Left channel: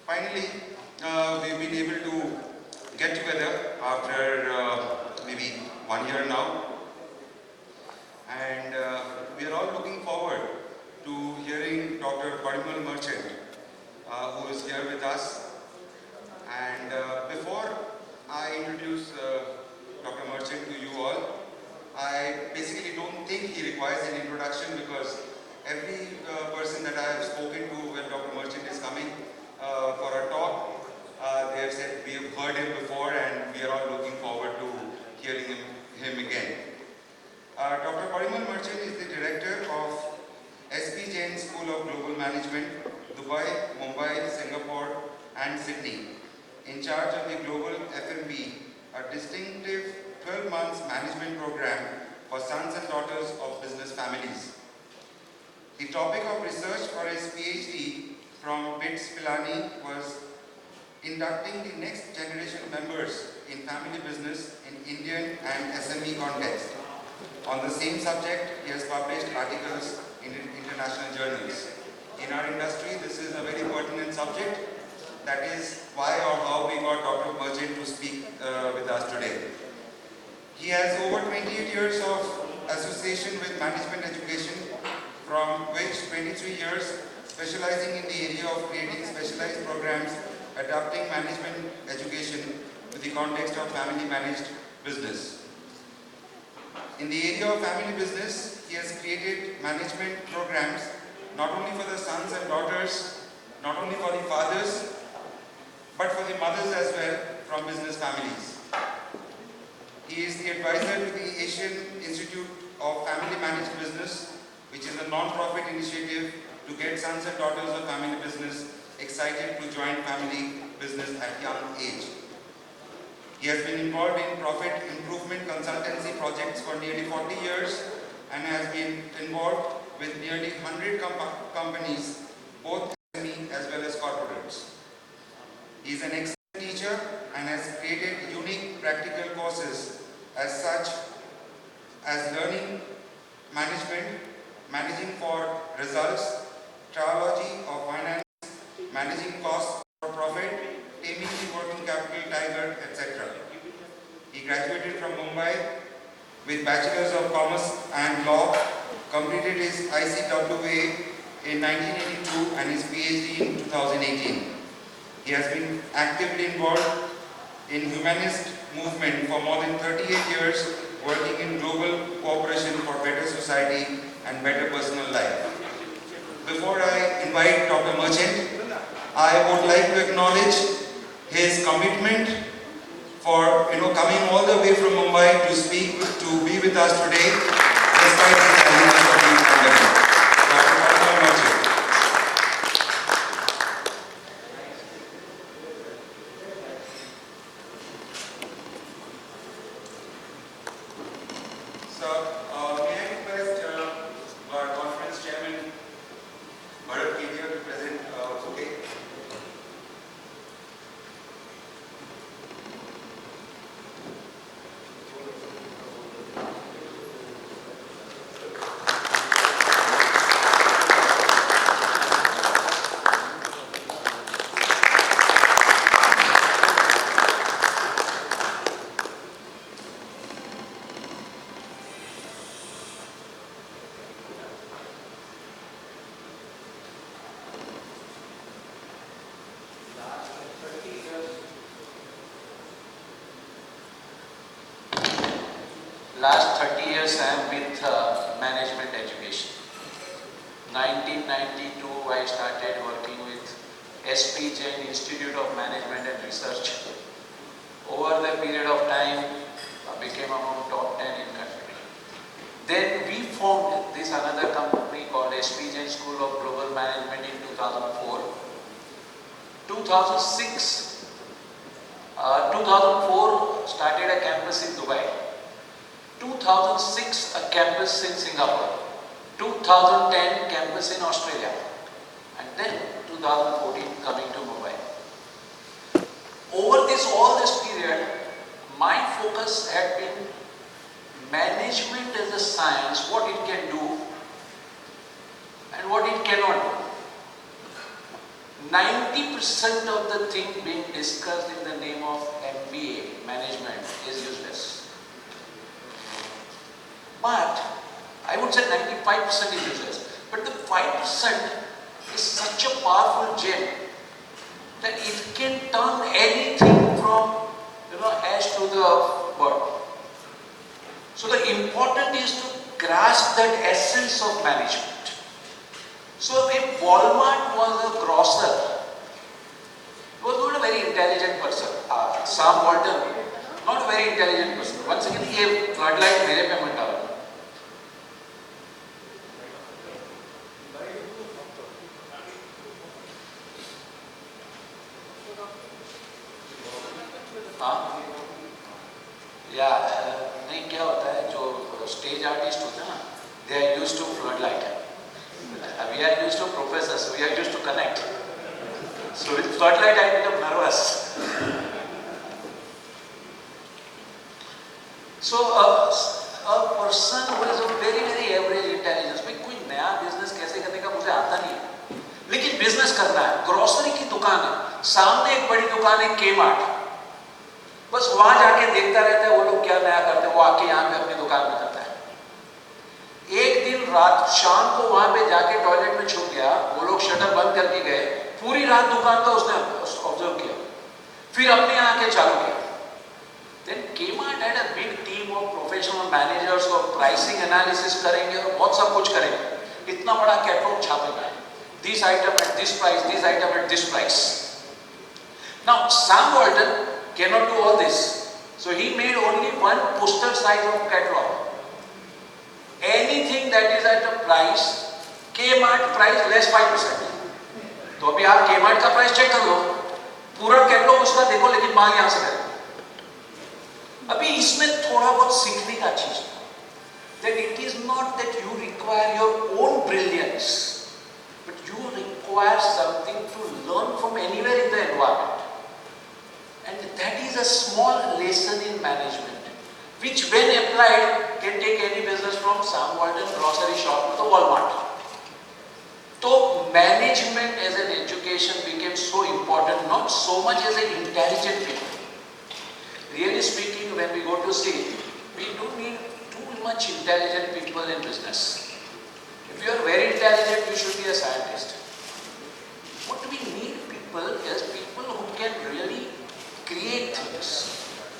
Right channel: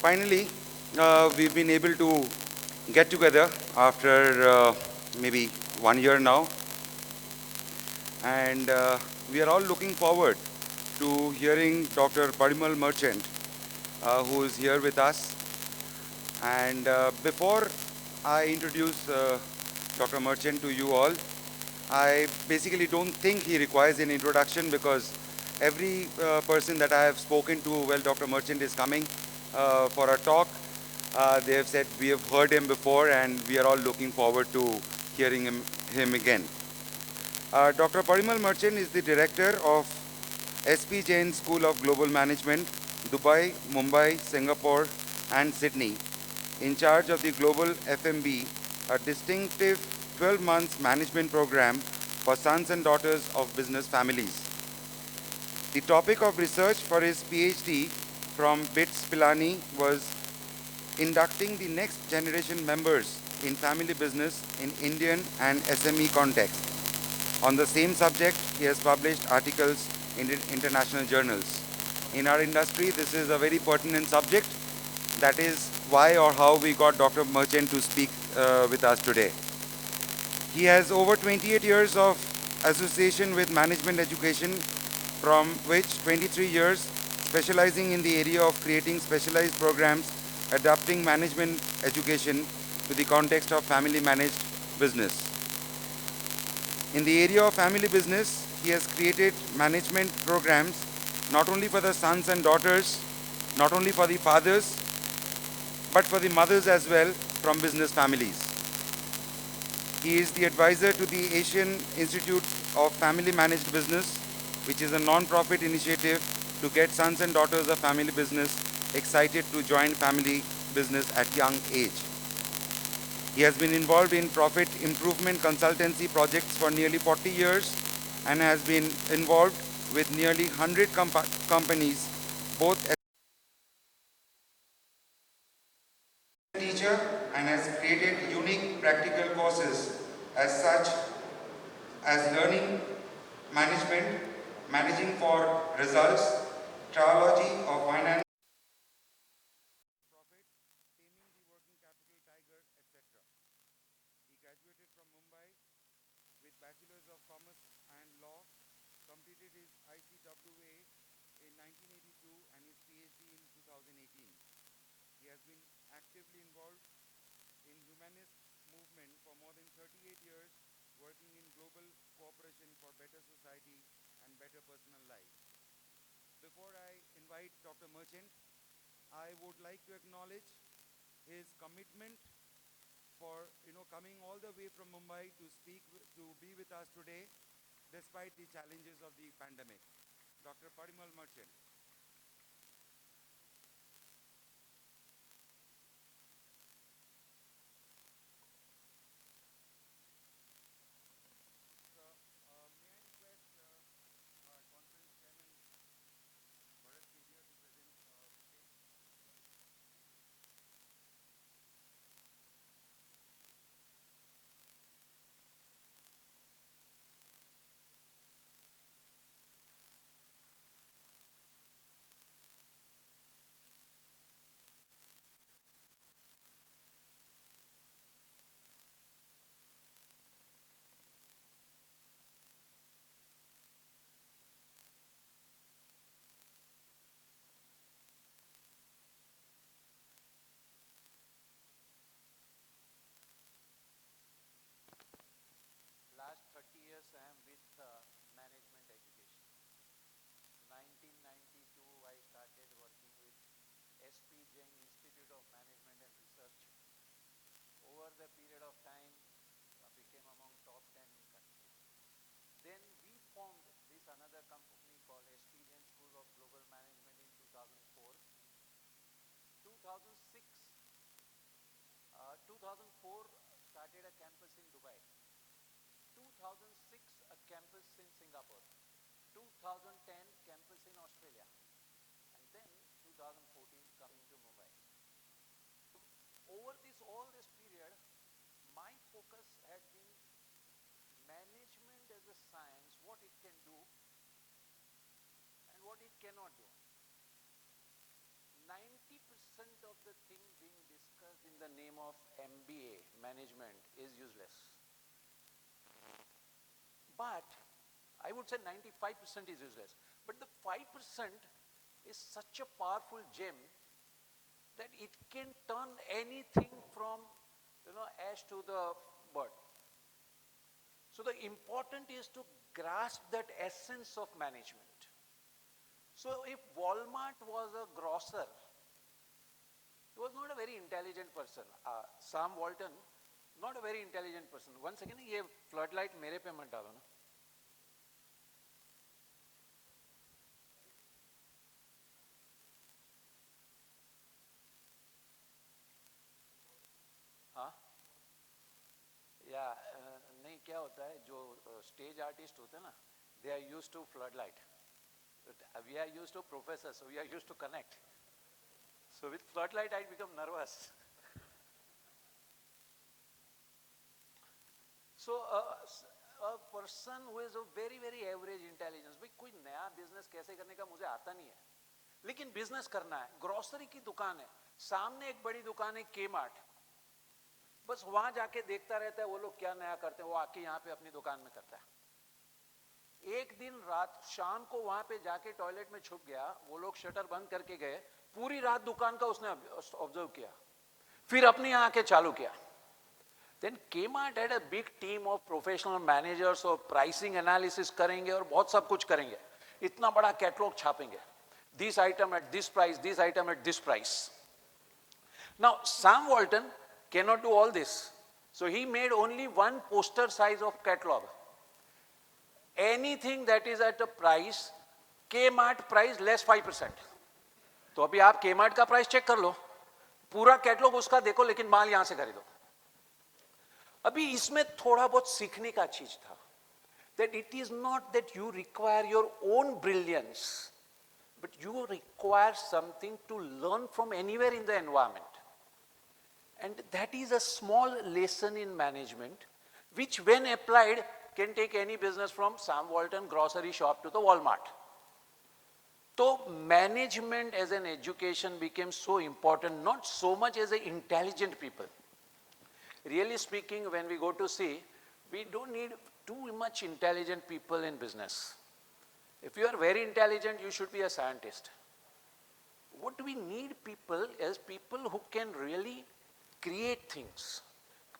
Finally, we've been able to get together after maybe 1 year now, and we are all looking forward to hearing Dr. Parimal Merchant, who is here with us. And before I introduce Dr. Merchant to you all, I basically don't think he requires an introduction because every person that I have spoken to, well, Dr. Merchant is coming for a talk. They have said we have heard him before and we are all looking forward to hearing him again. Dr. Parimal Merchant is the director of S.P. Jain School of Global Management, Dubai, Mumbai, Singapore and Sydney, in charge of the Global FMB, a distinctive 12 months management program for sons and daughters of business families. The topic of research for his PhD from BITS Pilani was inducting the next generation members in family business in Indian and SME context. On the same subject, he has published articles in international journals. In our industry, this is a very pertinent subject. That is why or how we got Dr. Merchant to speak with us today. He has over 28 years of association with management education, from which 23 years specializing in the area of creating specialized programs, adapting management education to the context of family managed business. In the area of family business, he has created management programs not only for the sons and daughters, not only for the fathers, but for the mothers as well from business families. He is the advisor to the Asian Institute of Family Managed Business, which is a non-profit initiative to get sons and daughters of family business excited to join family business at young age. He has been involved in profit improvement consultancy projects for nearly 40 years and has been involved with nearly 100 companies, both SME as well as corporates. He is an excellent teacher and has created unique practical courses as such as learning management, managing for results, triology of finance, managing costs for profit, taming the working capital tiger, etc. He graduated from Mumbai with Bachelor's of Commerce and Law, completed his ICWA in 1982 and his PhD in 2018. He has been actively involved in humanist movement for more than 38 years, working in global cooperation for better society and better personal life. Before I invite Dr. Merchant, I would like to acknowledge his commitment for coming all the way from Mumbai to speak, to be with us today, despite the challenges of the pandemic. Dr. Merchant. So, may I request our conference chairman, Bharat Kedia, to present, okay? Last 30 years I am with management education. 1992 I started working with S.P. Jain Institute of Management and Research. Over the period of time I became among top 10 in country. Then we formed this another company called S.P. Jain School of Global Management in 2004. 2004 started a campus in Dubai. 2006 a campus in Singapore, 2010 campus in Australia, and then 2014 coming to Mumbai. Over all this period, my focus had been management as a science, what it can do and what it cannot do. 90% of the thing being discussed in the name of MBA, management, is useless. But I would say 95% is useless. But the 5% is such a powerful gem that it can turn anything from, ash to the bird. So the important is to grasp that essence of management. So if Walmart was a grocer, he was not a very intelligent person. Sam Walton, not a very intelligent person. Once again, ये floodlight मेरे पे मत डालो. हाँ, या नहीं क्या होता है जो स्टेज आर्टिस्ट होते हैं ना, they are used to floodlight. We are used to professors, we are used to connect. So with floodlight I become nervous. So a person who is of very average intelligence, भाई कोई नया business कैसे करने का मुझे आता नहीं है, लेकिन बिजनेस करना है. ग्रोसरी की दुकान है, सामने एक बड़ी दुकान है Kmart, बस वहां जाके देखता रहता है वो लोग क्या नया करते हैं, वो आके यहाँ पे अपनी दुकान में करता है. एक दिन रात शाम को वहां पे जाके टॉयलेट में छुप गया, वो लोग शटर बंद करके गए, पूरी रात दुकान का उसने ऑब्जर्व किया, फिर अपने आके चालू किया. Then Kmart had a big team of professional managers और pricing analysis करेंगे और बहुत सब कुछ करेंगे. इतना बड़ा catalogue छापेगा, this item at this price, this item at this price. Now Sam Walton cannot do all this, so he made only one poster size of catalog. Anything that is at a price, Kmart price less 5%. तो अभी आप Kmart का price check कर लो, पूरा catalogue उसका देखो, लेकिन मांग यहाँ से करें. अभी इसमें थोड़ा बहुत सीखने का चीज है. That it is not that you require your own brilliance, but you require something to learn from anywhere in the environment. And that is a small lesson in management, which when applied can take any business from Sam Walton grocery shop to Walmart. So management as an education became so important, not so much as an intelligent people. Really speaking, when we go to see, we do need too much intelligent people in business. If you are very intelligent, you should be a scientist. What we need people is people who can really create things,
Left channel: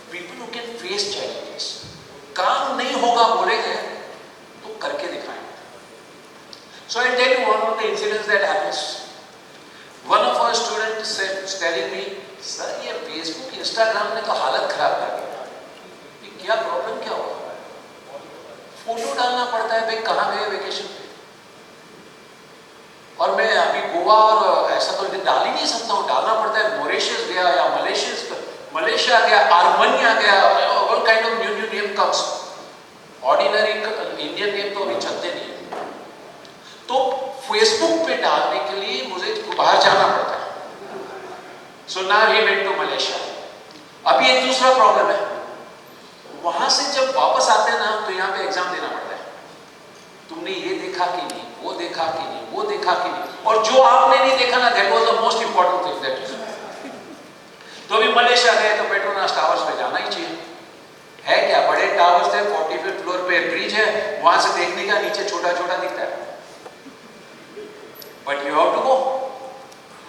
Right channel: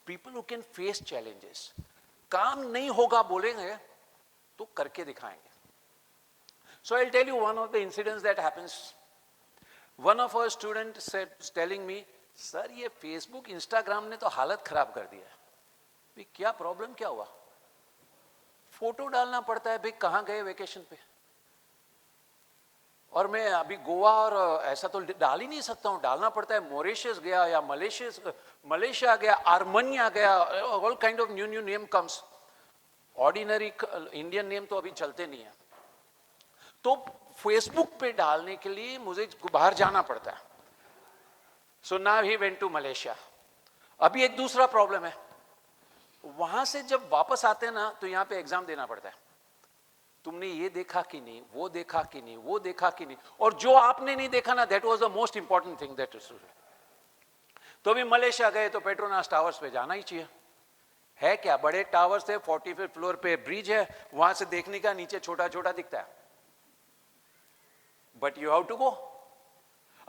people who can face challenges. काम नहीं होगा बोलेंगे तो करके दिखाएंगे. So I tell you one of the incidents that happens. One of our students was telling me, sir ये Facebook, Instagram ने तो हालत खराब कर दिया. ये क्या प्रॉब्लम क्या हुआ? फोटो डालना पड़ता है, भाई कहाँ गए वेकेशन पे? और मैं अभी गोवा और ऐसा तो डाल ही नहीं सकता हूँ, डालना पड़ता है. मॉरिशस गया या मलेशिया गया, आर्मेनिया गया, all kind of new name comes. Ordinary Indian name तो अभी चलते नहीं. तो फेसबुक पे डालने के लिए मुझे बाहर जाना पड़ता है. So now we went to Malaysia. अभी एक दूसरा प्रॉब्लम है, वहां से जब वापस आते हैं ना तो यहाँ पे एग्जाम देना पड़ता है. तुमने ये देखा कि नहीं, वो देखा कि नहीं, वो देखा कि नहीं, और जो आपने नहीं देखा ना, that was the most important thing that is. तो अभी मलेशिया गए तो पेट्रोनास टावर्स पे जाना ही चाहिए. है क्या, बड़े टावर्स थे, 45th फ्लोर पे ब्रिज है, वहां से देखने का नीचे छोटा छोटा दिखता है. But you have to go.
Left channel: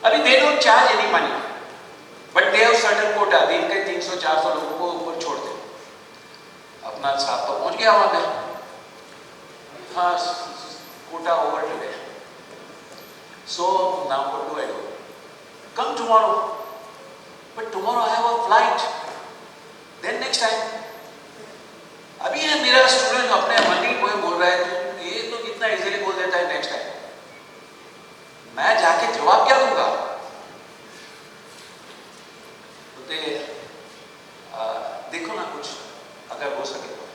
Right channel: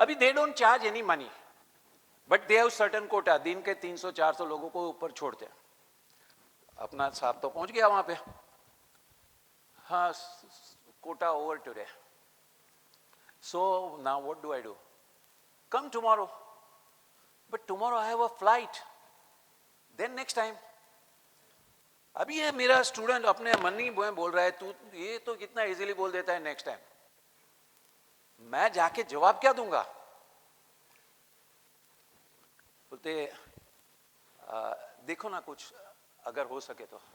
अभी they don't charge any money, but they have certain quota. अभी इनके 300-400 लोगों को ऊपर छोड़ते. अपना साथ पहुंच गया वहां पे. हाँ, quota over today. So now what do I do? Come tomorrow. But tomorrow I have a flight. Then next time. अभी ये मेरा स्टूडेंट अपने मनी को बोल रहा है, ये तो कितना इजीली बोल देता है नेक्स्ट टाइम. मैं जाके जवाब क्या दूंगा? देखो ना कुछ अगर हो सके तो.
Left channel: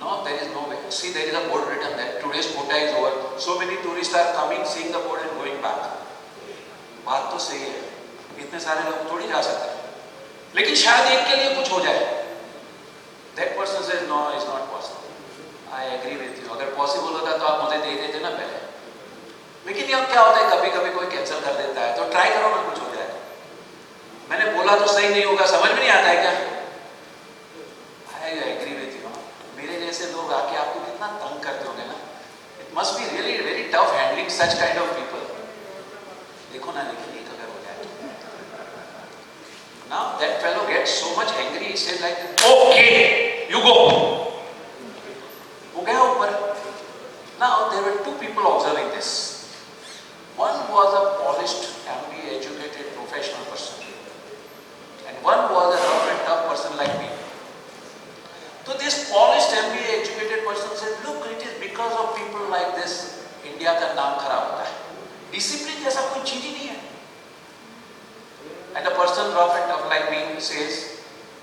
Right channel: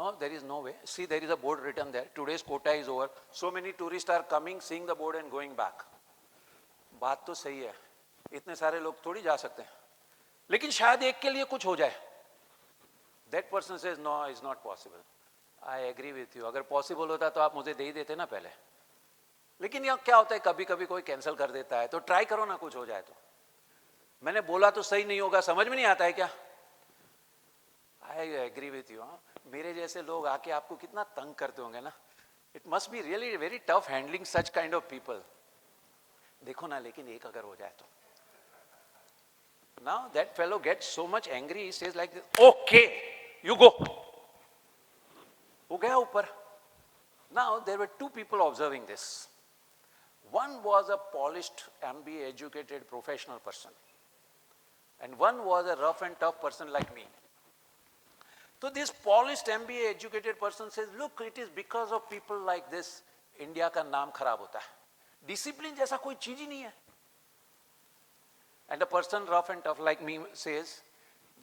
No, there is no way. See, there is a board written that today's quota is over. So many tourists are coming, seeing the board and going back. बात तो सही है, इतने सारे लोग थोड़ी आ सकते हैं, लेकिन शायद एक के लिए कुछ हो जाए. That person says no, it's not possible. I agree with you. अगर possible होता तो आप मुझे दे देते ना पहले. लेकिन अब क्या होता है, कभी कभी कोई कैंसिल कर देता है, तो ट्राई करो ना, कुछ हो जाए. तो सही नहीं होगा, समझ में नहीं आता है क्या? I agree with you. मेरे जैसे लोग आके आपको कितना तंग करते होंगे ना. It must be really very tough handling such kind of people. देखो ना, लेकिन ये अगर हो जाए, now that fellow gets so much angry, he says like, okay, you go. हो गया ऊपर. Now there were two people observing this. One was a polished, MBA educated professional person, and one was a rough and tough person like me. So this polished MBA educated person said, look, it is because of people like this, India का नाम खराब होता है. Discipline जैसा कोई चीज ही नहीं है. And a person rough and tough like me says,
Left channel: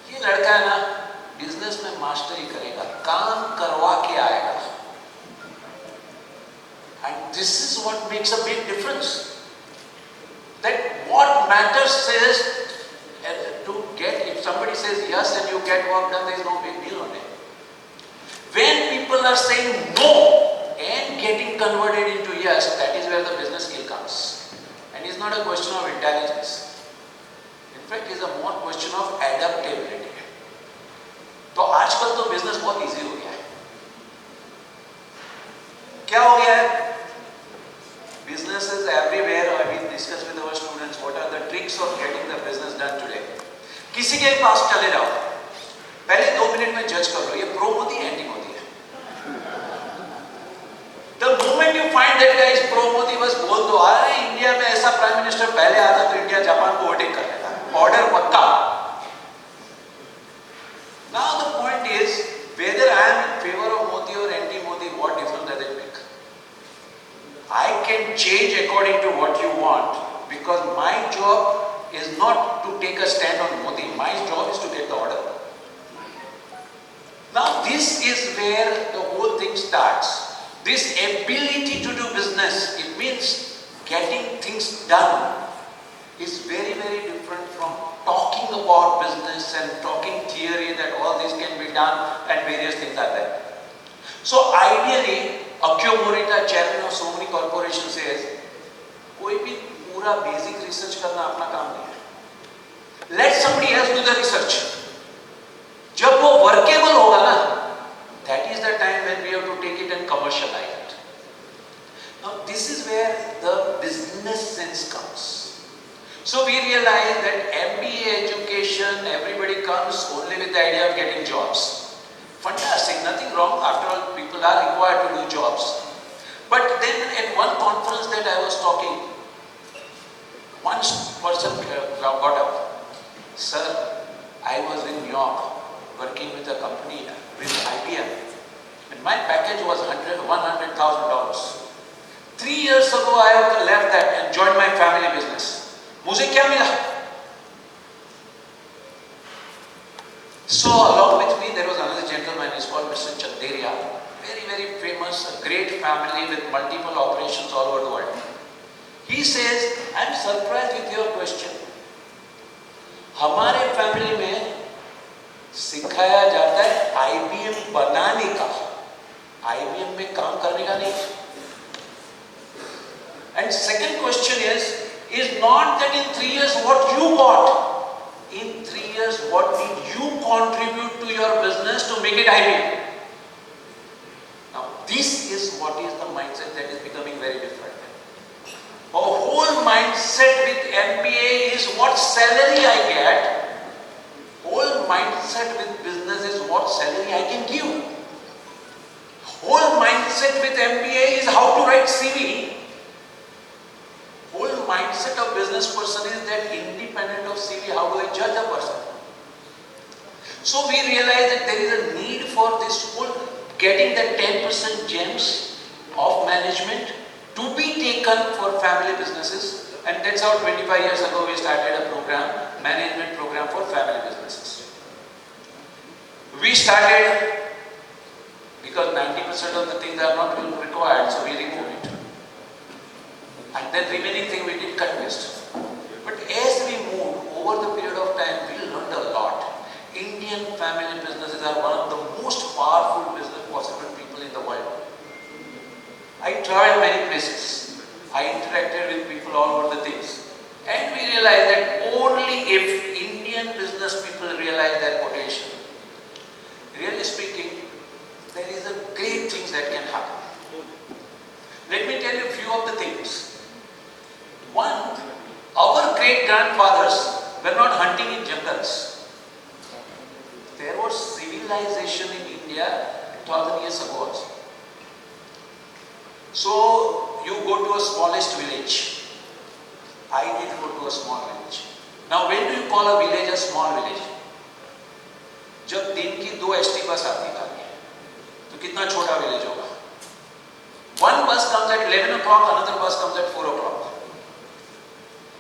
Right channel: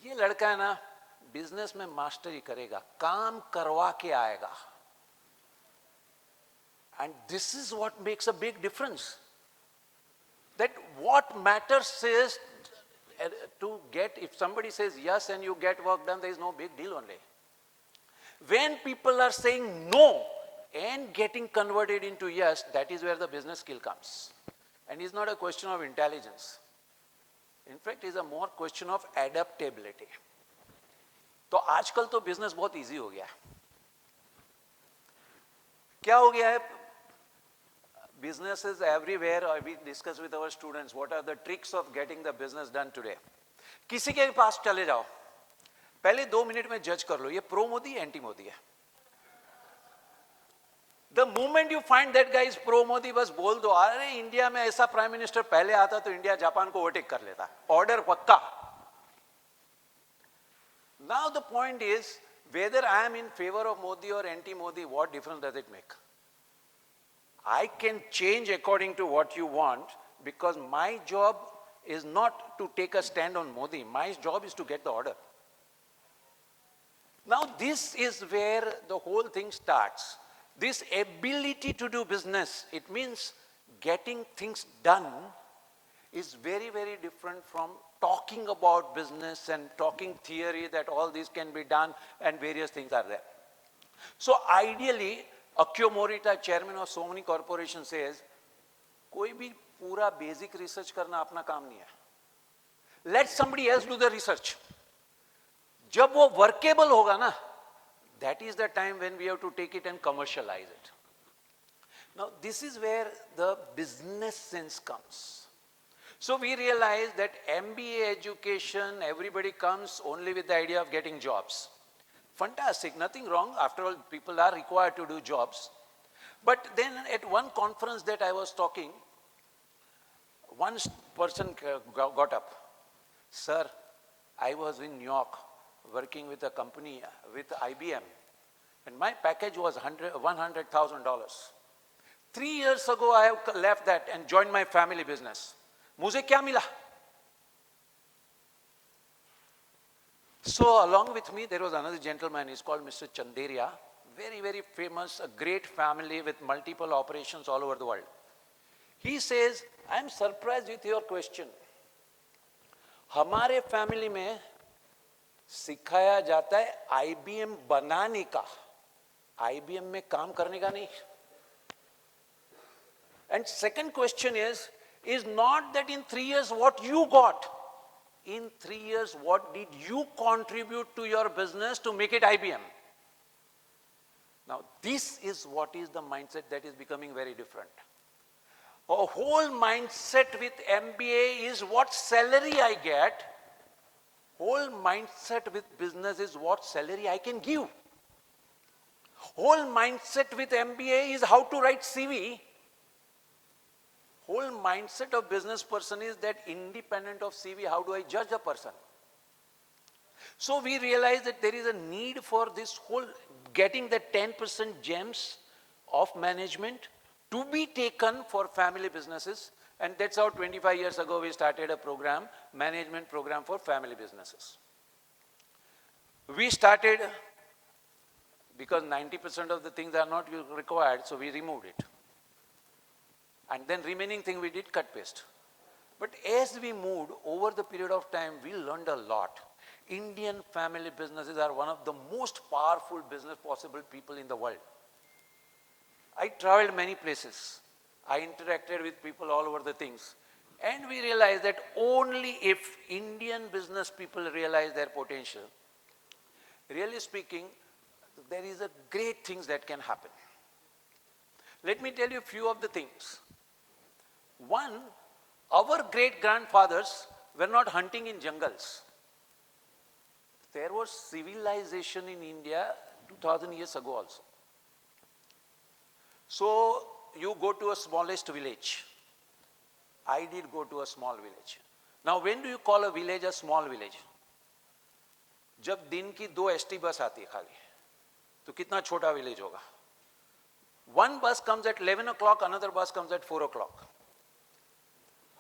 ये लड़का है ना, बिजनेस में मास्टरी करेगा, काम करवा के आएगा. And this is what makes a big difference. That what matters is to get, if somebody says yes and you get work done, there is no big deal on it. When people are saying no and getting converted into yes, that is where the business skill comes. And it's not a question of intelligence. In fact, it's a more question of adaptability. तो आजकल तो business बहुत easy हो गया है. क्या हो गया है? Businesses everywhere. I mean, discuss with our students what are the tricks of getting the business done today. किसी के पास कर ले जाओ, पहले 2 मिनट में जज कर लो ये प्रो मोदी है एंटी मोदी है. The moment you find that guy is pro Modi, बस बोल दो, अरे इंडिया में ऐसा प्राइम मिनिस्टर पहले आता तो इंडिया जापान को ओवरटेक कर लेता. ऑर्डर बताओ. Now the point is whether I am in favor of Modi or anti Modi, what difference does it make? I can change according to what you want, because my job is not to take a stand on Modi. My job is to take the order. Now this is where the whole thing starts. This ability to do business, it means getting things done, is very very different from talking about business and talking theory that all this can be done and various things are there. So ideally, Akio Morita, chairman of so many corporations, says, कोई भी पूरा basic research करना अपना काम नहीं है. Let somebody else do the research. जब वो workable होगा ना, that is the time when we have to take it and commercialize it. Now this is where the business sense comes. So we realize that MBA education, everybody comes only with the idea of getting jobs. Fantastic, nothing wrong. After all, people are required to do jobs. But then at one conference that I was talking, one person got up. Sir, I was in New York working with a company with IBM. And my package was $100,000. 3 years ago, I have left that and joined my family business. मुझे क्या मिला? So along with me there was another gentleman, he's called Mr. Chanderia, very very famous, a great family with multiple operations all over the world. He says, I am surprised with your question. हमारे family में सिखाया जाता है IBM बनाने का, IBM में काम करने का नहीं. And second question is not that in 3 years what you bought. In 3 years, what did you contribute to your business to make it IBM? Now, this is what is the mindset that is becoming very different. A whole mindset with MBA is what salary I get. Whole mindset with business is what salary I can give. Whole mindset with MBA is how to write CV. Whole mindset of business person is that independent of CV, how do I judge a person? So we realize that there is a need for this whole getting the 10% gems of management to be taken for family businesses, and that's how 25 years ago we started a program, management program for family businesses. We started because 90% of the things are not required, so we remove it. And then remaining thing we did cut waste. But as we moved over the period of time, we learned a lot. Indian family businesses are one of the most powerful business possible people in the world. I traveled many places. I interacted with people all over the things. And we realized that only if Indian grandfathers were not hunting in jungles. There was civilization in India 1,000 years ago also. So you go to a smallest village. I did go to a small village. Now when do you call a village a small village? जब दिन की 2 HT बस आती है तो कितना छोटा village होगा? One bus comes at 11 o'clock, another bus comes at 4 o'clock.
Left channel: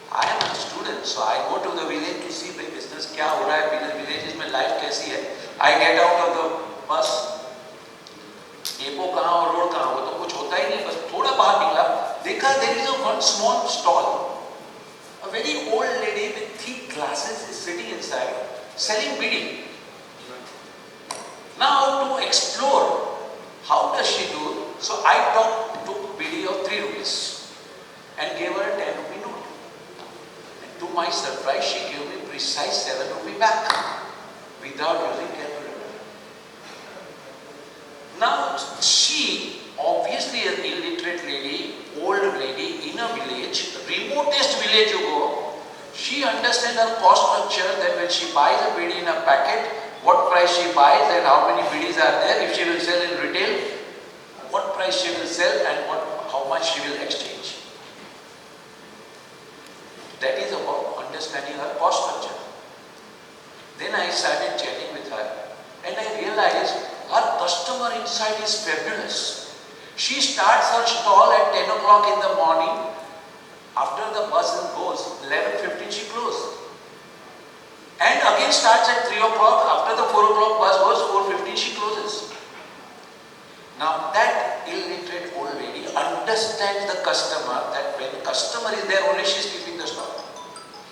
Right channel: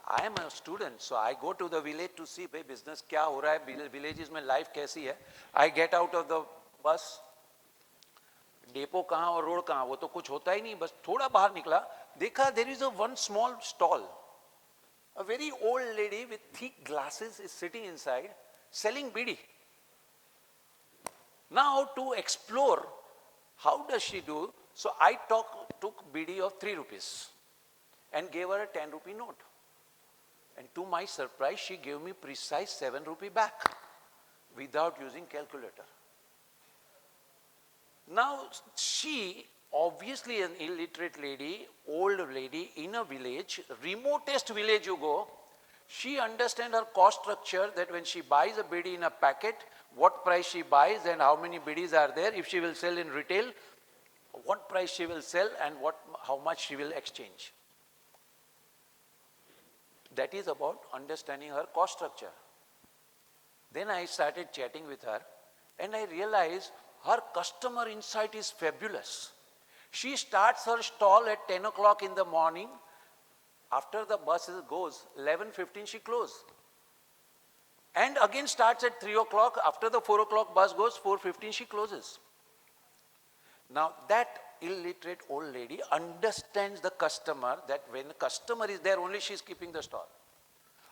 I am a student, so I go to the village to see the business क्या हो रहा है, villages में life कैसी है. I get out of the bus. Depot कहाँ और road कहाँ, वो तो कुछ होता ही नहीं. बस थोड़ा बाहर निकला, देखा there is one small stall. A very old lady with thick glasses is sitting inside selling bidi. Now to explore, how does she do? So I took bidi of 3 rupees and gave her a 10 rupee note. And to my surprise, she gave me precise 7 rupee back without using calculator. Now she, obviously an illiterate lady, old lady in a village, remotest village you go, she understands her cost structure, that when she buys a bidi in a packet, what price she buys and how many bidis are there, if she will sell in retail, what price she will sell and how much she will exchange. That is about understanding her cost structure. Then I started chatting with her and I realized her customer insight is fabulous. She starts her stall at 10 o'clock in the morning. After the bus goes, 11:50 she closes. And again starts at 3 o'clock. After the 4 o'clock bus goes, 4:50 she closes. Now that illiterate old lady understands the customer, that when the customer is there, only she is keeping the stock.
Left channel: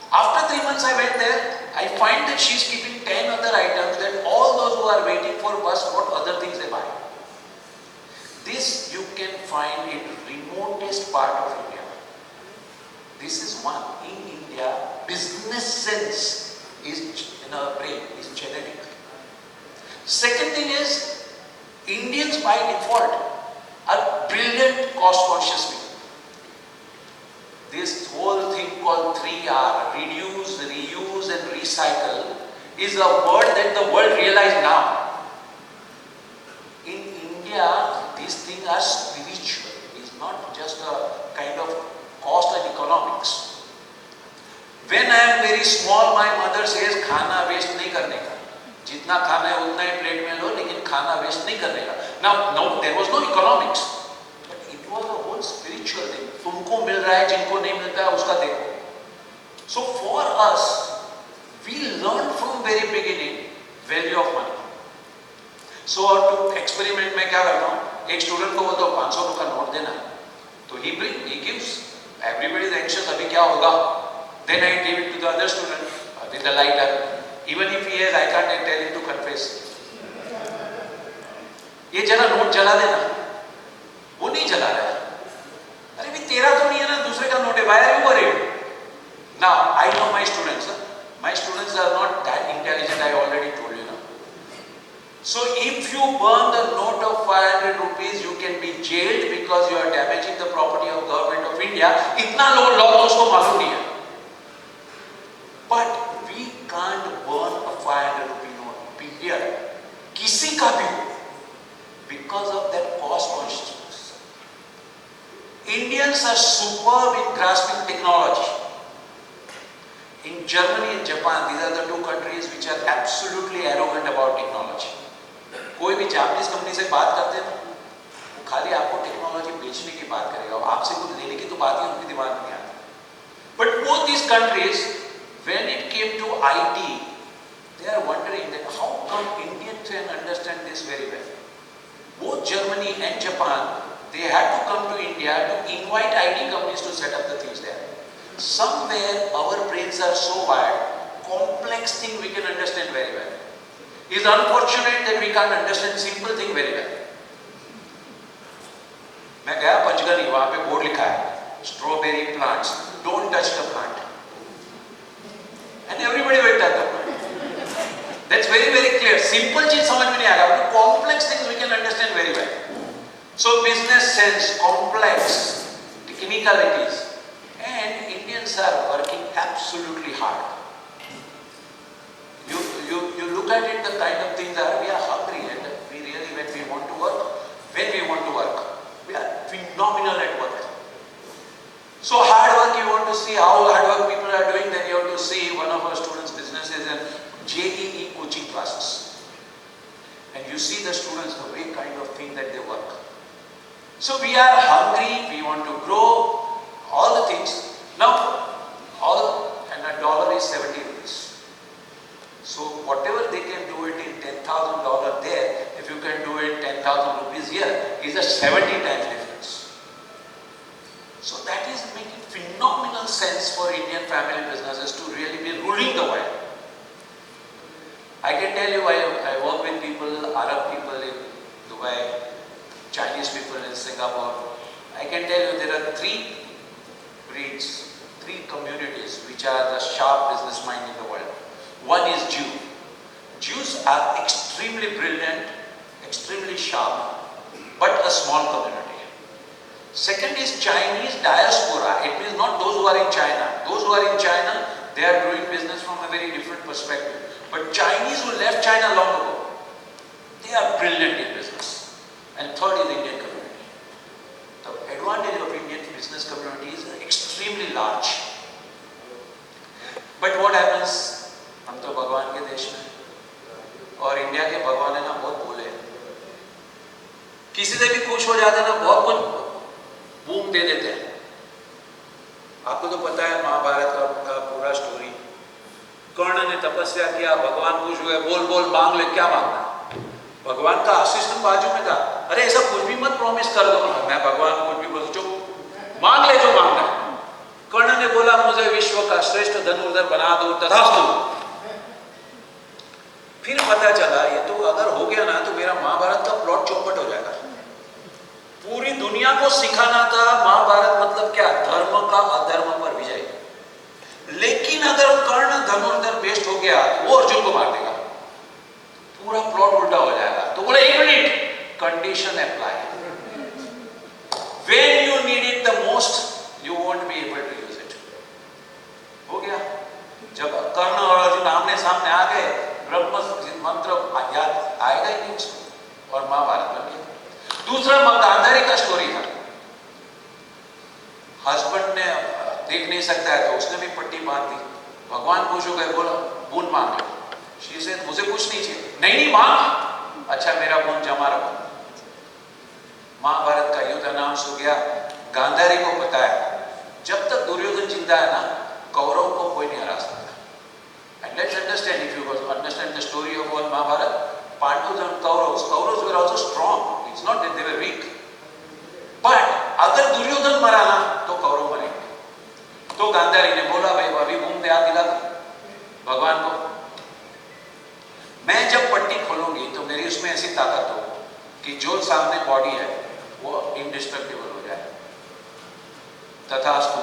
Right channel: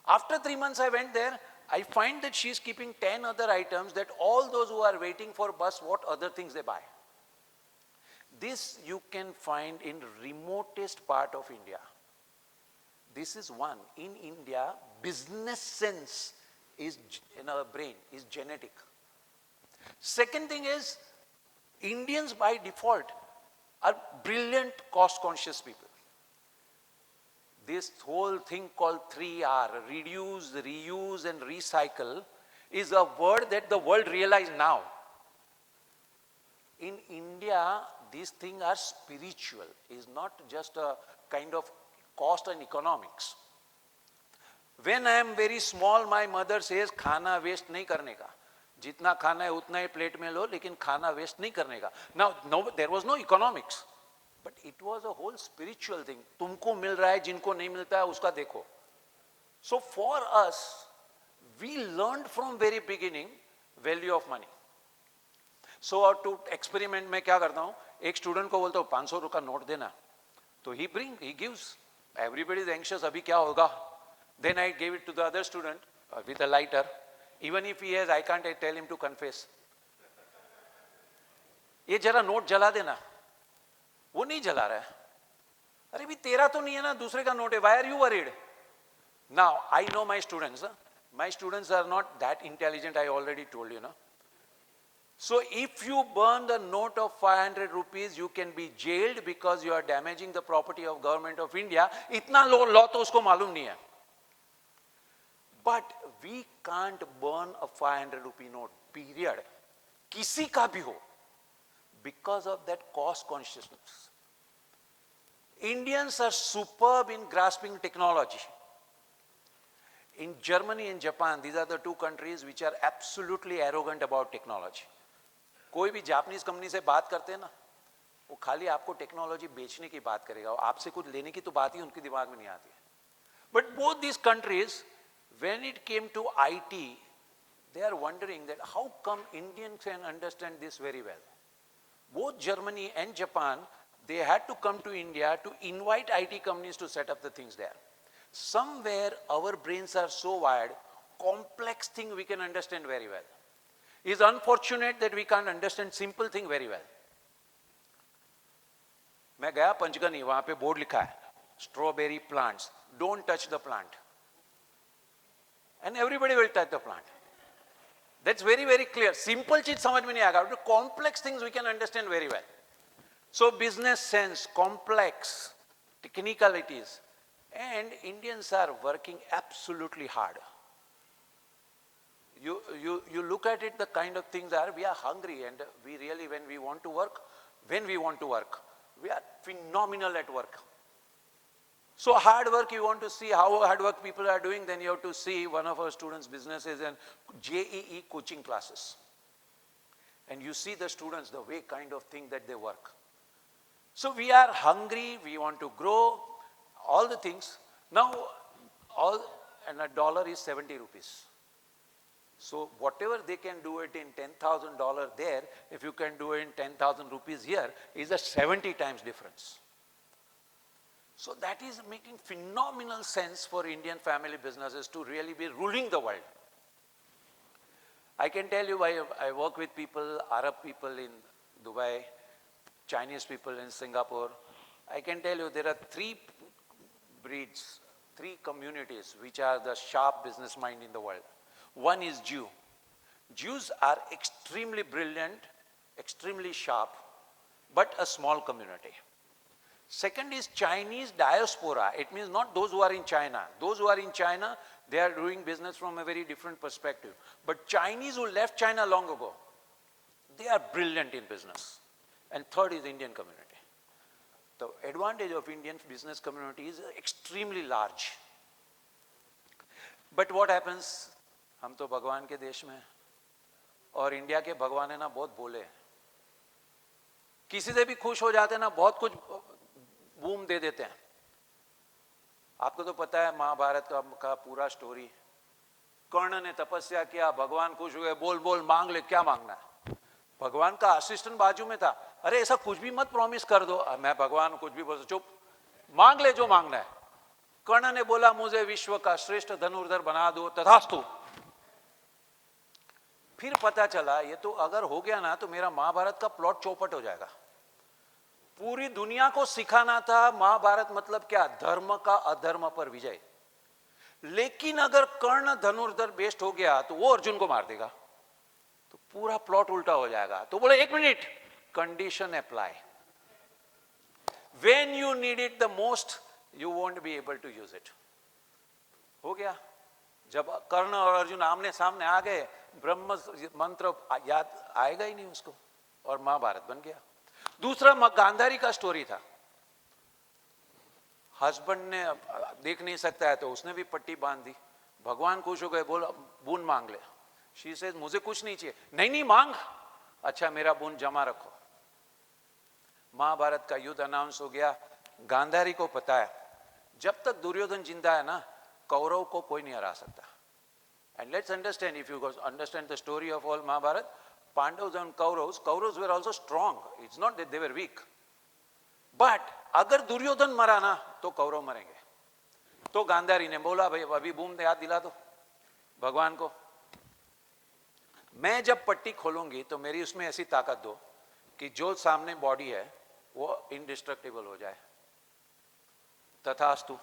After 3 months I went there, I find that she is keeping 10 other items, that all those who are waiting for bus, what other things they buy. This you can find in remotest part of India. This is one. In India, business sense is in our brain, is genetic. Second thing is, Indians by default are brilliant cost-conscious people. This whole thing called 3R, reduce, reuse and recycle, is a word that the world realizes now. In India, these things are spiritual. It's not just a kind of cost and economics. When I am very small, my mother says, खाना waste नहीं करने का. जितना खाना है उतना ही plate में लो, लेकिन खाना वेस्ट नहीं करने का. Now, there was no economics. But it was a whole spiritual thing. तुमको मिल रहा है, जिनको नहीं मिलता है, उसका देखो. So for us, we learn from very beginning value of money. So to experiment में क्या करता हूँ? एक स्टूडेंट को बोलता हूँ 500 रुपया नोट देना. तो he gives. Everybody is anxious. अभी क्या होगा? Then I give it to the other student with a lighter. Even if he has, I can't tell him to confess. ये जरा नोट चला देना. वो नहीं चला रहा है. अरे भी तेरा तो नहीं है ना, दूसरे का नोट है. Why are you worried? Now I know my students. My students are not that intelligent. I already told you now. So if you burn the note of 500 rupees, you can be jailed because you are damaging the property of government of India. इतना लोग law उसको मालूम नहीं है. But we can't burn a 500 rupee note. Period. किसी का भी, because of their cost consciousness. Indians are superb in grasping technology. In Germany and Japan, these are the two countries which are absolutely arrogant about technology. कोई भी Japanese company से बात करते हैं, खाली आपको टेक्नोलॉजी बेचने की बात करेगा, आपसे कुछ लेने की तो बात ही उनके दिमाग में नहीं आती. But both these countries, when it came to IT, they are wondering that how come Indians can understand this very well. Both Germany and Japan, they had to come to India to invite IT companies to set up the things there. Somewhere our brains are so wired, complex thing we can understand very well. It is unfortunate that we can't understand simple thing very well. मैं गया पंचगनी, वहाँ पे board लिखा है, strawberry plants, don't touch the plant. And everybody went at the plant. That's very, very clear. Simple चीज समझ में नहीं आ रहा, complex things we can understand very well. So business sense, complex, technicalities, and Indians are working absolutely beautifully hard. You look at it, the kind of thing that we are hungry and we really, when we want to work, we are phenomenal at work. So hard work, you want to see how hard work people are doing, then you have to see one of our students' businesses and JEE coaching classes. And you see the students, the way kind of thing that they work. So we are hungry, we want to grow, all the things. Now, and a dollar is 70 rupees. So whatever they can do it in $10,000 there, if you can do it 10,000 rupees here, is a 70 times difference. So that is making phenomenal sense for Indian family businesses to really be ruling the world. I can tell you, I work with people, Arab people in Dubai, Chinese people in Singapore. I can tell you there are three breeds, three communities which are the sharp business mind in the world. One is Jew. Jews are extremely brilliant, extremely sharp, but a small community. Second is Chinese diaspora. It means not those who are in China. Those who are in China, they are doing business from a very different perspective. But Chinese who left China long ago, they are brilliant in business. And third is Indian community. The advantage of Indian business community is extremely large. But what happens? हम तो भगवान के देश में और India के भगवान है ना बहुत बोले किसी से भी कुछ हो जाता है ना बहुत कुछ बूम दे देते हैं आपको तो पता है महाभारत का पूरा स्टोरी कर्ण ने तपस्या किया भगवान कुछ हुए बोल बोल मांग ले क्या मांगना भगवान का आशीष तो बाजू में था अरे ऐसा कुछ भी मत प्रॉमिस कर दो मैं भगवान को कुछ भी बोल चुप मांग ले जो मांगना कर्ण ने बोला मुझे विश्व का श्रेष्ठ धनुर्धर बना दो तथास्तु फिर पता चला ये तो अगर हो गया ना तो मेरा महाभारत का प्लॉट चौपट हो जाएगा पूरी दुनिया को सिखाना था महाभारत मतलब क्या धर्म का अधर्म पर विजय लेकिन अगर कर्ण धनुर्धर बेस्ट हो गया वो अर्जुन को मार देगा पूरा प्लॉट उल्टा हो जाएगा तो बोले एक minute condition apply when you need it the most you won't be able to use it हो गया जब कर्ण और अर्जुन आमने सामने आ गए ब्रह्म मंत्र आएगा ही नहीं और महाभारत बन गया दूसरा गांधारी का स्टोरी था हस्बैंड ने देख नहीं सकता है तो उसने भी पट्टी मार दी भगवान खुश हो गए बोला बून मांग शी से मुझे कुछ नहीं चाहिए नहीं मांग अच्छा मेरा बून जमा रखो महाभारत का युद्ध अनाउंस हो गया गांधारी को बताया जब तक दुर्योधन जिंदा है ना कौरव को कोई नहीं हरा सकता and let's understand if you understand the story of Mahabharata Pandavas and Kauravas were also strong it's not that they were weak but अगर दुर्योधन मरा ना तो कौरव मरेंगे तो गांधारी ने बोला भाई अभी बूम क्या दिला भगवान को मैं जब पट्टी खोलूंगी तो मेरी उसमें ऐसी ताकत हो कि जो सामने बॉडी है वो इंडिस्ट्रक्टिबल हो जाए तथास्तु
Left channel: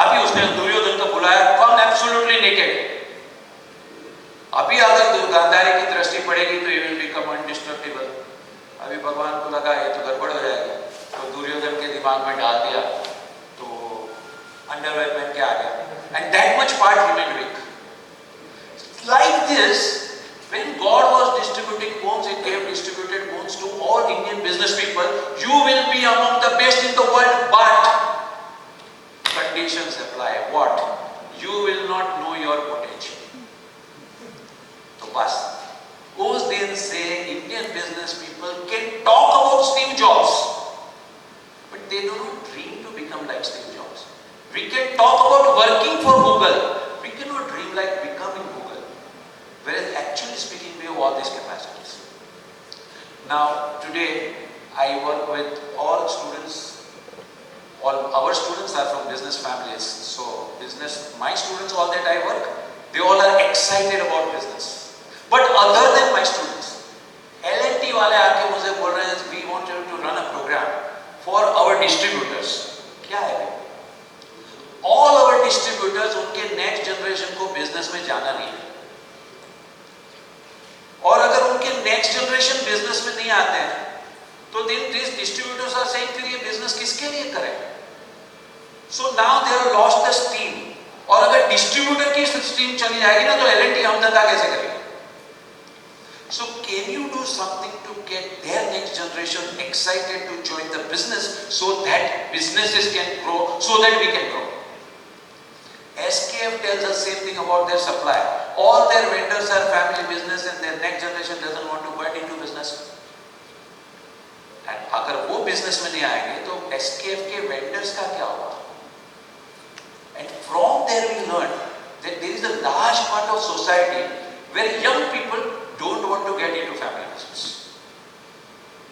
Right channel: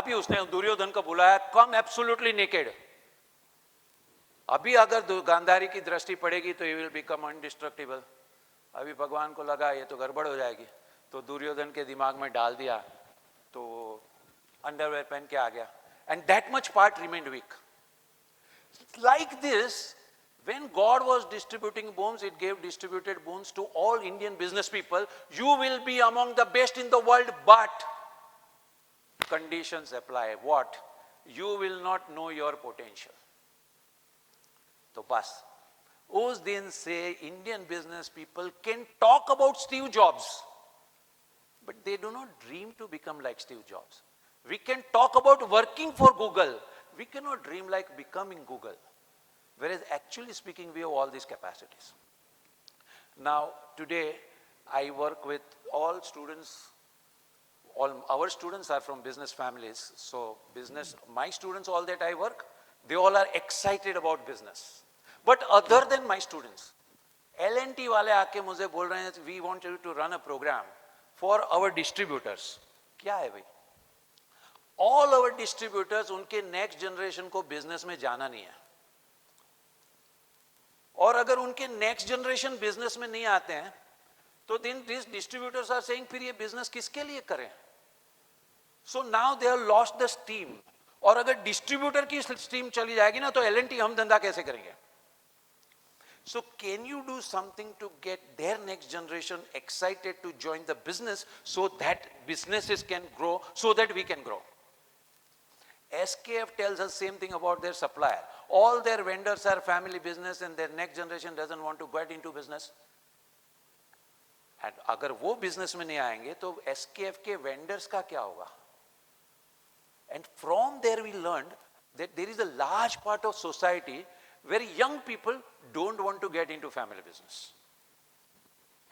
अभी उसने दुर्योधन को बुलाया कम एब्सोल्युटली नेकेड अभी अगर गांधारी की दृष्टि पड़ेगी तो यू विल बिकम अनडिस्ट्रक्टिबल अभी भगवान को लगा ये तो गड़बड़ हो जाएगी तो दुर्योधन के दिमाग में डाल दिया तो अंडरवेयर में क्या आ गया एंड दैट मच पार्ट ही will weak like this when God was distributing boons he gave distributed boons to all Indian business people you will be among the best in the world but conditions apply what you will not know your potential Plus, who's then say Indian business people can talk about Steve Jobs, but they don't dream to become like Steve Jobs. We can talk about working for Google, we cannot dream like becoming Google. Whereas actually speaking, we have all these capacities. Now, today, I work with all students, all our students are from business families. So, my students, all that I work, they all are excited about business. But other than my students, L&T वाले आके मुझे बोल रहे हैं we wanted to run a program for our distributors. क्या है? All our distributors उनके next generation को business में जाना नहीं है. और अगर उनके next generation business में नहीं आते हैं, तो then these distributors are saying कि ये business किसके लिए करें? So now they have lost the steam. और अगर distributor जाएगी ना तो L&T हम धंधा कैसे करेंगे? So can you do something to get their next generation excited to join the business so that businesses can grow, so that we can grow? SKF tells the same thing about their supply. All their vendors are family business and their next generation doesn't want to get into business. And अगर वो business में नहीं आएंगे तो SKF के vendors का क्या होगा? And from there we learned that there is a large part of society where young people don't want to get into family business.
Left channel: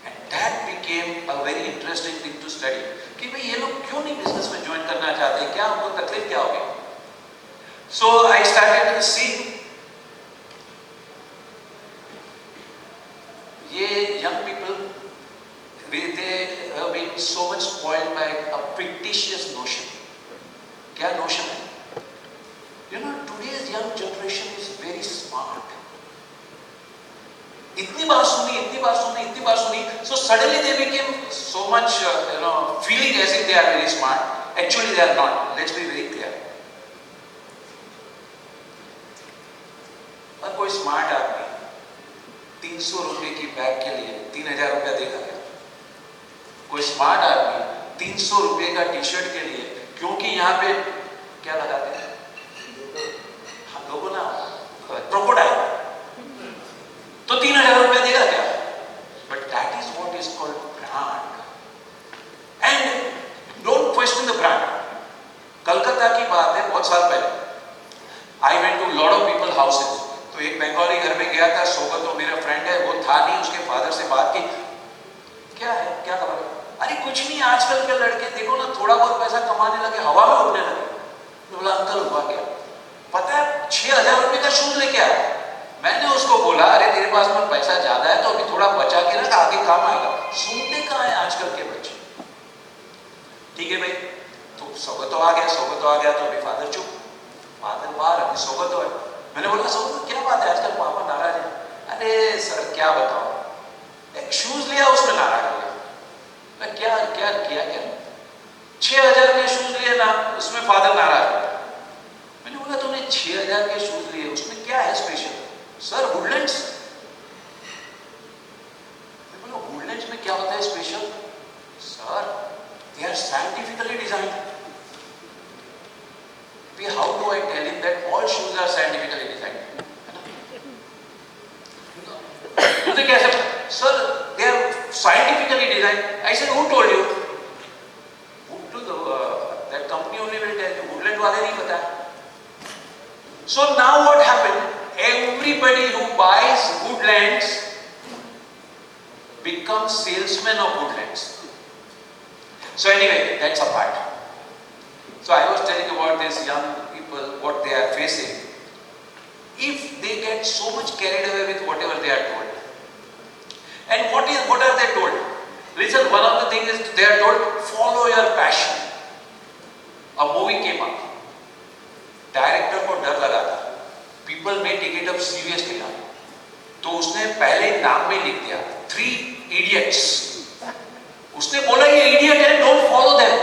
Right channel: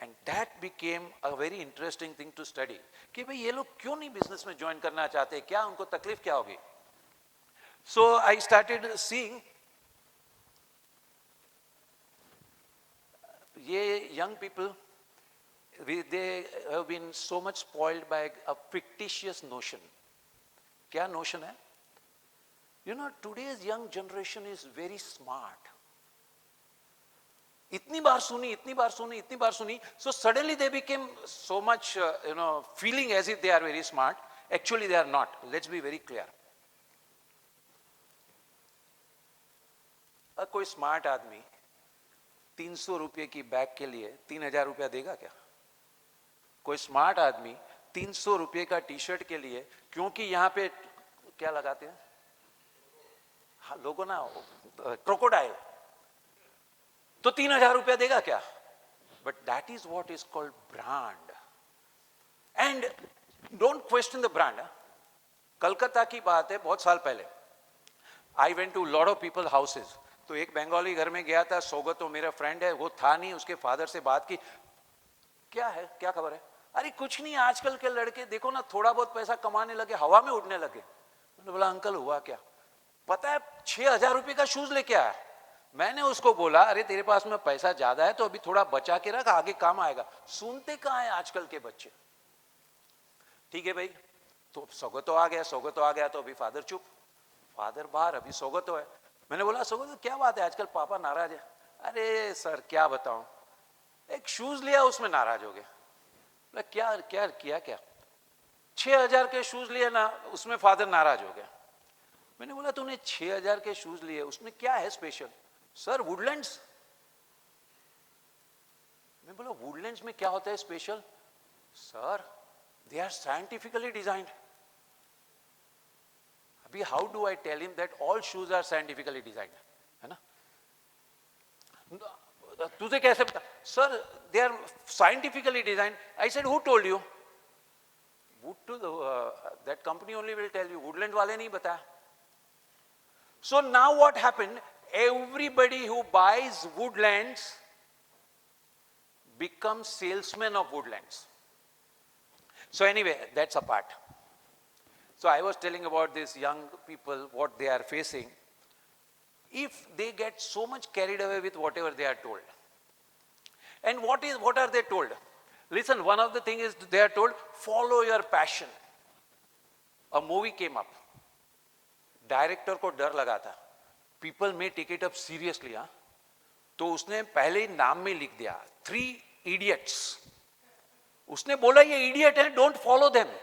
And that became a very interesting thing to study. कि भाई ये लोग क्यों नहीं business में join करना चाहते? क्या उनको तकलीफ क्या होगी? So I started to see ये young people, they have been so much spoiled by a fictitious notion. क्या notion है? You know, today's young generation is very smart. इतनी बार सुनी, so suddenly they became so much, feeling as if they are very smart. Actually they are not. Let's be very clear. कोई smart आदमी 300 रुपए की bag के लिए 3000 रुपया देगा क्या? कोई स्मार्ट आदमी 300 रुपए का टी शर्ट के लिए, क्योंकि यहाँ पे क्या लगाते हैं हम लोगों ना, क्रोकोडाइल, तो 3000 रुपया देगा क्या? But that is what is called brand. And don't question the brand. Calcutta की बात है, बहुत साल पहले I went to lot of people's houses. तो एक बंगाली घर में गया था, सोगत तो मेरा फ्रेंड है, वो था नहीं, उसके फादर से बात की, क्या है, क्या करो? अरे कुछ नहीं, आजकल के लड़के देखो ना थोड़ा बहुत पैसा कमाने लगे, हवा में उड़ने लगे। तो बोला अंकल हुआ क्या? पता है 6000 रुपए का शूज लेके आया। मैंने उसको बोला अरे तेरे पास में पैसा ज्यादा है तो अभी थोड़ा बचा के ना, आगे काम आएगा। सुनते कहाँ है आजकल के बच्चे? ठीक है भाई, तो सोगत आ गया तो मेरे फादर चुप, फादर बाहर, अभी सोगत है। मैंने बोला सोगत क्या बात है, आजकल पापा नाराज है? अरे सर क्या बताओ, एक शूज लिया उसमें नाराज हो गया। क्या क्या क्या क्या 6000 के शूज लिए ना, उसमें फादर नाराज हो गया। मैंने बोला तुमने 6000 के शूज लिए, उसमें क्या है स्पेशल? Sir Woodlands. वुडलैंड्स में क्या होता है special? Sir they are scientifically designed. How do I tell him that all shoes are scientifically designed? मुझे क्या sir? Sir, they are scientifically designed. I said, who told you? That company only will tell you. Woodland वाले नहीं पता। So now what happened? Everybody who buys Woodlands becomes salesman of Woodlands. So anyway, that's a part. So I was telling about these young people, what they are facing. If they get so much carried away with whatever they are told. And what are they told? Listen, one of the things is they are told, follow your passion. A movie came up. Director को डर लगा था. People may take it up seriously now. तो उसने पहले नाम में लिख दिया 3 idiots. उसने बोला ये idiot है, don't follow them.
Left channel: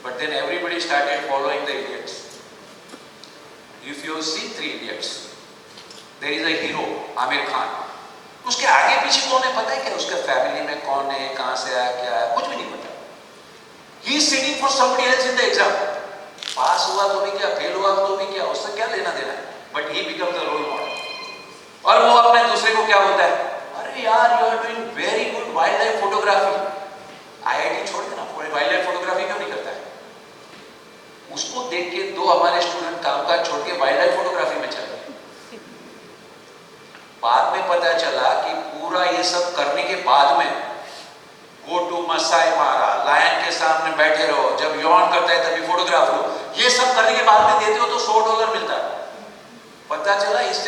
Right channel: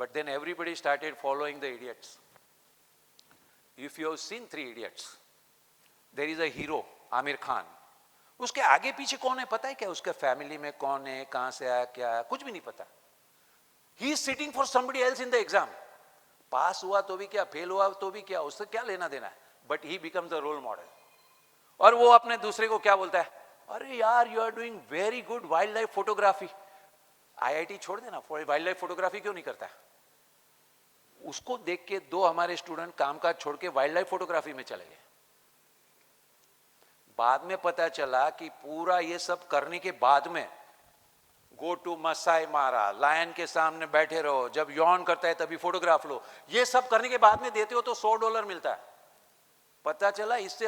But then everybody started following the idiots. If you see 3 idiots, there is a hero, Amir Khan. उसके आगे पीछे कौन है पता है क्या? उसके फैमिली में कौन है, कहाँ से आया, क्या है, कुछ भी नहीं पता. He is sitting for somebody else in the exam. पास हुआ तो भी क्या, फेल हुआ तो भी क्या, उससे क्या लेना देना? But he becomes the role model. और वो अपने दूसरे को क्या बोलता है? अरे यार you are doing very good wildlife photography. IIT छोड़ देना, wildlife photography क्यों नहीं करता है? उसको देख के 2 हमारे स्टूडेंट कामकाज छोड़ के वाइल्डलाइफ फोटोग्राफी में चले गए। बाद में पता चला कि पूरा ये सब करने के बाद में गो टू मसाई मारा, लायन के सामने बैठे रहो, जब यौन करते हैं तभी फोटोग्राफ लो, ये सब करने के बाद में देते हो तो $100 मिलता है। पता चला इस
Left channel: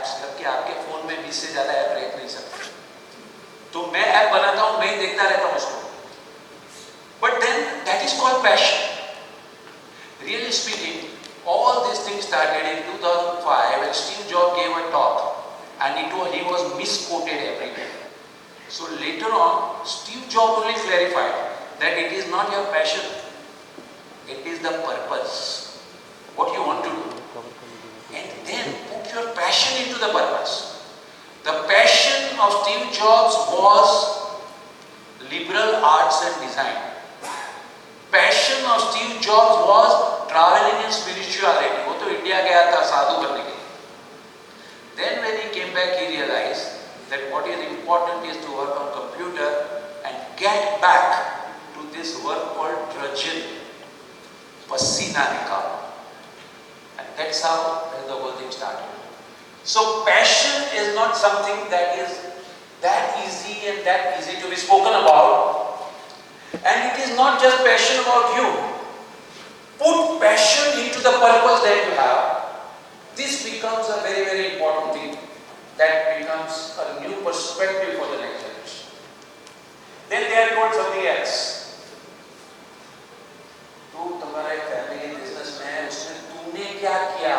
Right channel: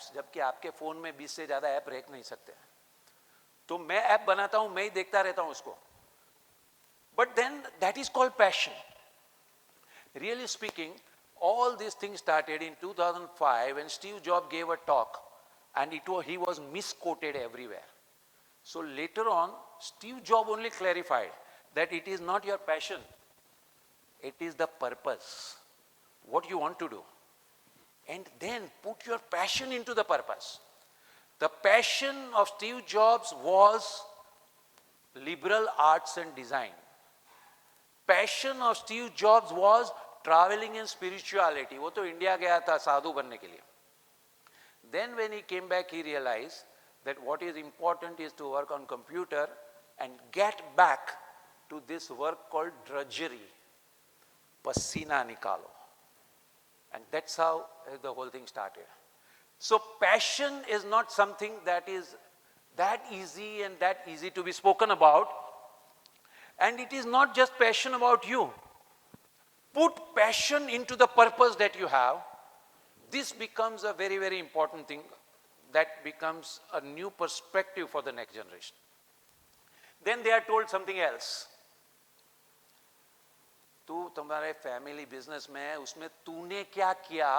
ऐप्स करके आपके फोन में 20 से ज्यादा ऐप देख नहीं सकते, तो मैं ऐप बनाता हूँ, मैं देखता रहता हूँ उसको. But then that is called passion. Really speaking, all these things started in 2005 when Steve Jobs gave a talk and he was misquoted everywhere. So later on, Steve Jobs only verified that it is not your passion, it is the purpose, what you want to do. And then put your passion into the purpose. The passion of Steve Jobs was liberal arts and design. Passion of Steve Jobs was traveling in spirituality. वो तो India गया था साधु बनने के लिए. Then when he came back, he realized that what is important is to work on computer and get back to this work called drudgery, pasina nikal. And that's how the whole thing started. So passion is not something that is that easy and that easy to be spoken about. And it is not just passion for you. Put passion into the purpose that you have. This becomes a very, very important thing that becomes a new perspective for the next generation. Then there comes something else. तू तुम्हारे family business में उसमें तूने क्या किया?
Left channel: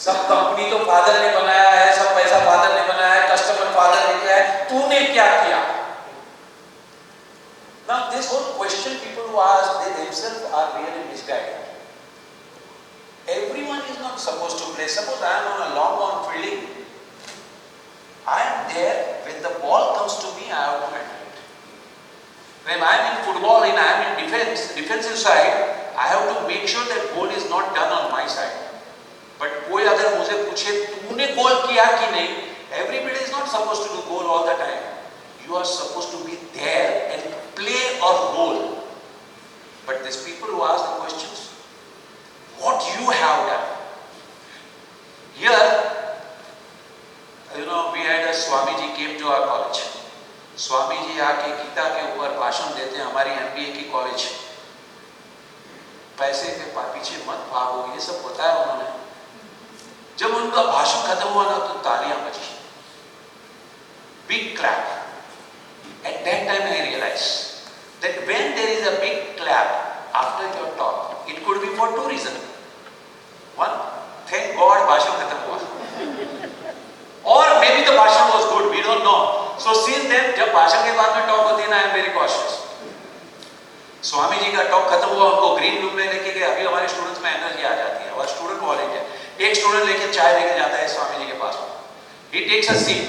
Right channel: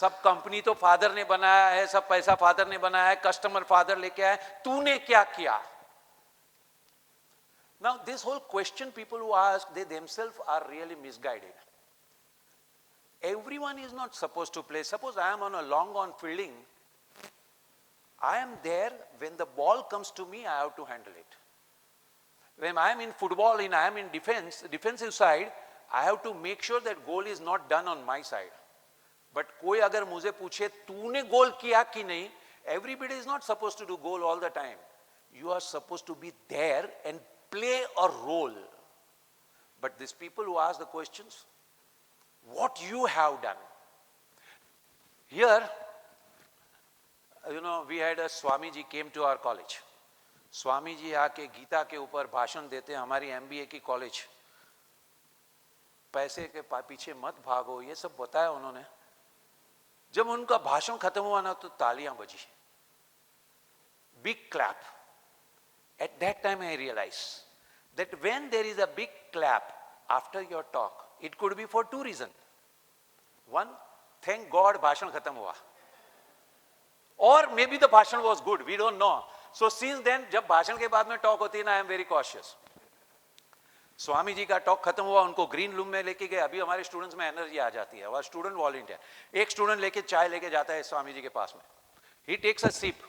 सब company तो father ने बनाया है, सब पैसा फादर ने बनाया है, कस्टमर फादर ने किया है, तूने क्या किया? Now this whole question people who ask, they themselves are really misguided. Everyone is not supposed to play. Suppose I am on a long on fielding. I am there, when the ball comes to me, I have to handle it. When I am in football and I am in defensive side, I have to make sure that goal is not done on my side. But कोई अगर मुझे पूछे तूने गोल किया कि नहीं, everybody is not supposed to do goal all the time. You are supposed to be there and play a role. But these people who ask the questions, what you have done. Here, we had a Swamiji came to our college. Swamiji आके गीता के ऊपर भाषण देते हैं हमारी MBA की college. पैसे के पीछे मत भागो, ये सब बताया उन्होंने. जब उनका भाषण खत्म हुआ ना तो तालियां बजी. Big clap. At that time I realized that when there is a big clap after your talk, it could be for two reasons. One, thank God भाषण खत्म हुआ. Or maybe the भाषण was good, we don't know. So since then, जब भाषण के बाद में talk होती है ना, I am very cautious. Swami ji का talk खत्म हुआ, उनको green room में लेके गए. अभी हमारे students में energy आ जाती है, और student college है. एक student लेके चाय लेके जाता है स्वामी जी के पास. He takes a sip.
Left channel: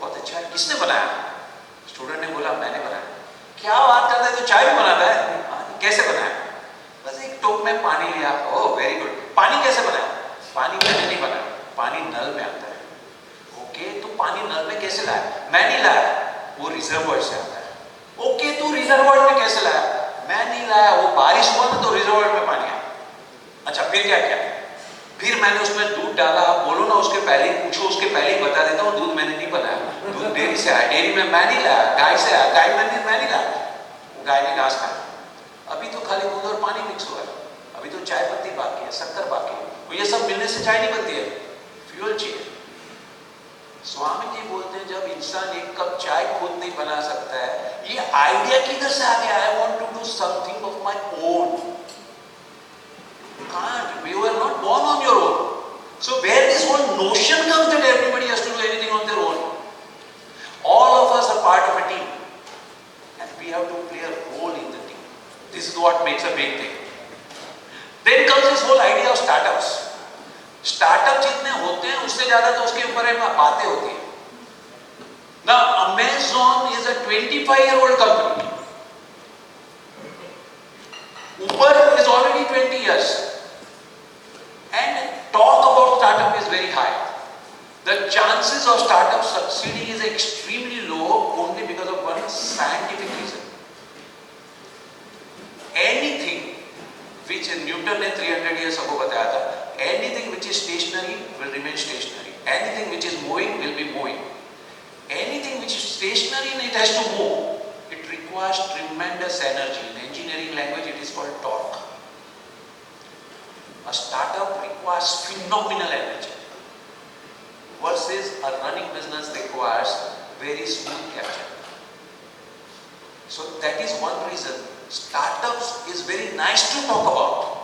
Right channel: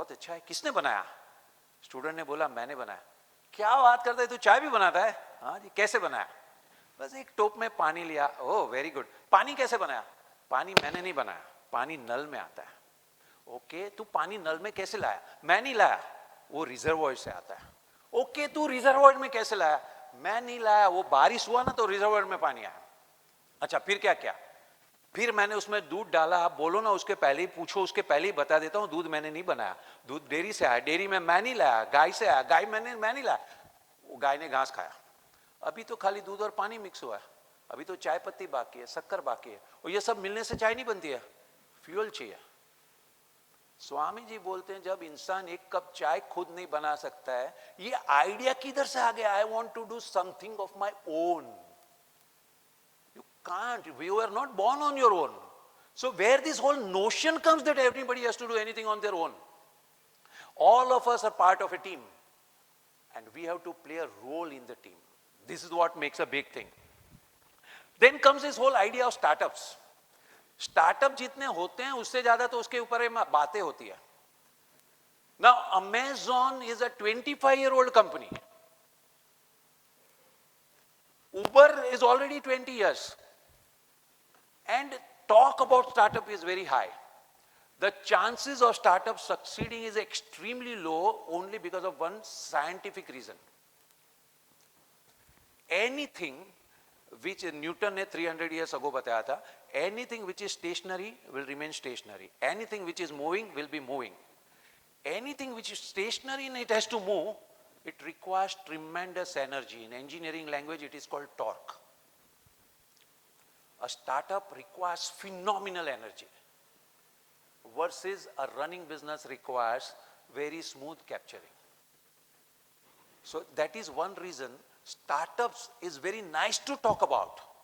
बहुत अच्छा है, किसने बनाया? स्टूडेंट ने बोला मैंने बनाया. क्या बात कर रहे हैं, तो चाय भी बनाता है? कैसे बनाया? बस एक टोप में पानी लिया. Oh very good. पानी कैसे बनाया? पानी मैंने नहीं बनाया, पानी नल में आता है. ओके, तो पानी नल में कैसे लाया? मैं नहीं लाया, वो रिजर्वॉयर से आता है. ओके, तो रिजर्वॉयर में कैसे लाया? मैं नहीं लाया, वो बारिश हुआ ना तो रिजर्वॉयर में पानी आया. अच्छा फिर क्या किया? फिर मैंने उसमें दूध डाला. बोलो ना उसके पहले पूछो, उसके पहले ही बता देता हूँ दूध मैंने नहीं बनाया. दूध डेयरी से आया, डेयरी में मैं नहीं लाया, गाय से आया, गाय में मैं नहीं लाया, गाय ने घास खाया. अभी तो खाली दूध और पानी मिक्स हो रहा है. अभी तो चाय पत्ती बाकी है, शक्कर बाकी है. ये सब मिलने से चाय नहीं बनती है, फ्यूल चाहिए. स्वामी जी बोलते हैं जब इंसान एक कप चाय खुद नहीं बना सकता है, ये आइडिया किधर से आ गया? I want to do something of my own. You were not born on your own. So where this whole notion comes that everybody has to do anything on their own. All of us are part of a team, and we have to play a role in the team. This is what makes a big thing. Then comes this whole idea of startups. Startup जितने होते हैं उससे ज्यादा तो उसके ऊपर बातें होती हैं. Now Amazon is a 25-year-old company. Uber is already 20 years. And talk about startup is very high. The chances of startup succeeding is extremely low only because of one scientific reason. Anything which Newton ने 300 years ago बताया था, anything which is stationary will remain stationary. Anything which is moving will be moving. Anything which is stationary and it has to move, it requires tremendous energy. In engineering language it is called torque. A startup requires phenomenal energy. versus a running business requires very smooth capture. So that is one reason startups is very nice to talk about,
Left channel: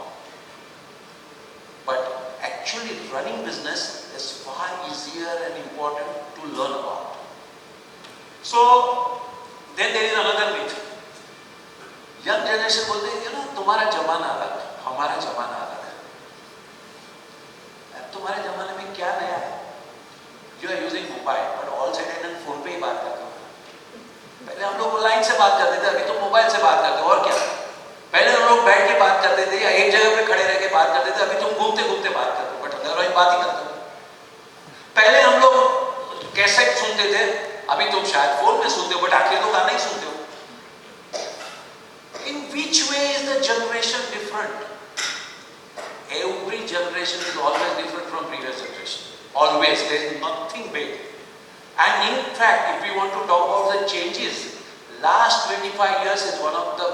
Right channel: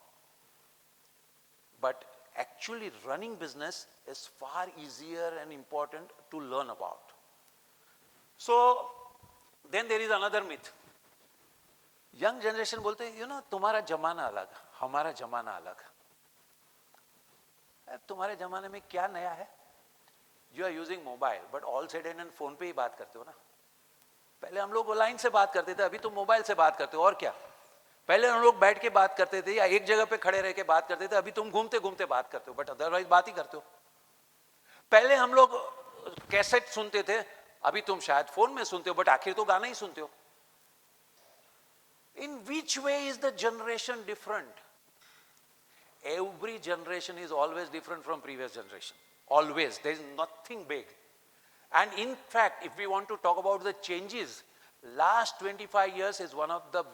but actually running business is far easier and important to learn about. So then there is another myth. Young generation बोलते हैं कि ना तुम्हारा जमाना अलग, हमारा जमाना अलग है. तुम्हारे जमाने में क्या नया है? You are using mobile, but all chatted and phone पे ही बात करते हो. पहले हम लोग लाइन से बात करते थे, अभी तो मोबाइल से बात करते हो. और क्या? पहले हम लोग बैठ के बात करते थे, या एक जगह पे खड़े रह के बात करते थे, अभी तुम घूमते घूमते बात करते हो, बट अदरवाइज बात ही करते हो. पहले हम लोग कैसेट सुनते थे, अभी तुम शायद फोन में सुनते हो, बट आखिर तो गाना ही सुनते हो. In which way is the generation different? Every generation is always different from previous generation. Always, there is nothing big. And in fact, if we want to talk about the changes, last 25 years is one of the